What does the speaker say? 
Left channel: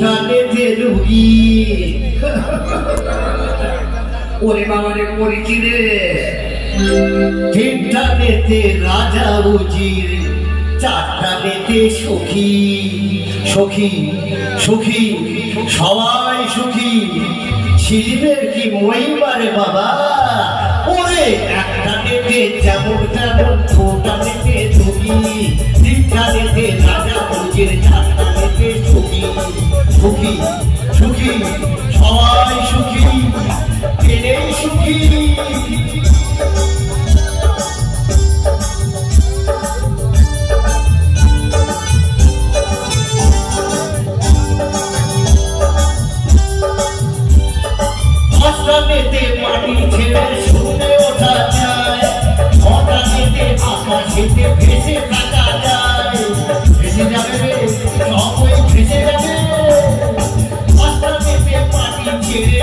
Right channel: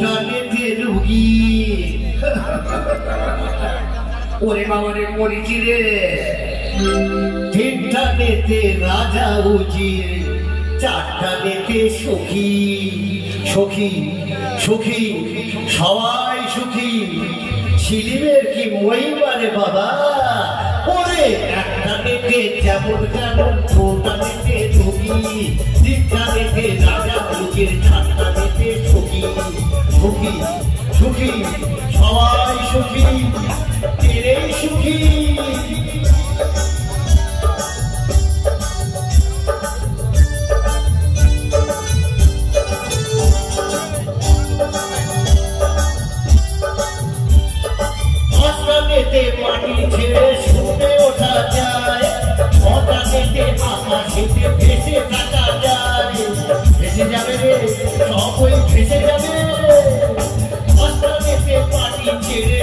টানেতে রুগী ওরে বাবারে মরিচি রে তিনটানেতে রাজা উজির চারটানেতে সুখী সুখী সুখী সবাই সুখী ছিলিমের কি মহিমারে বাবা ওরে একটানেতে যেমন তেমন দুটানেতে রুগী তিনটানেতে রাজা উজির চারটানেতে সুখী সুখী সুখী সবাই সুখী এরেই সুখী মাটি ছেড়ে শুনে ওঠা যায় হঠাৎ আকাশেতে ভেসে থাকা যায় ভেসে যাবে রে সবই ভেসে যাবে মাটি ছেড়ে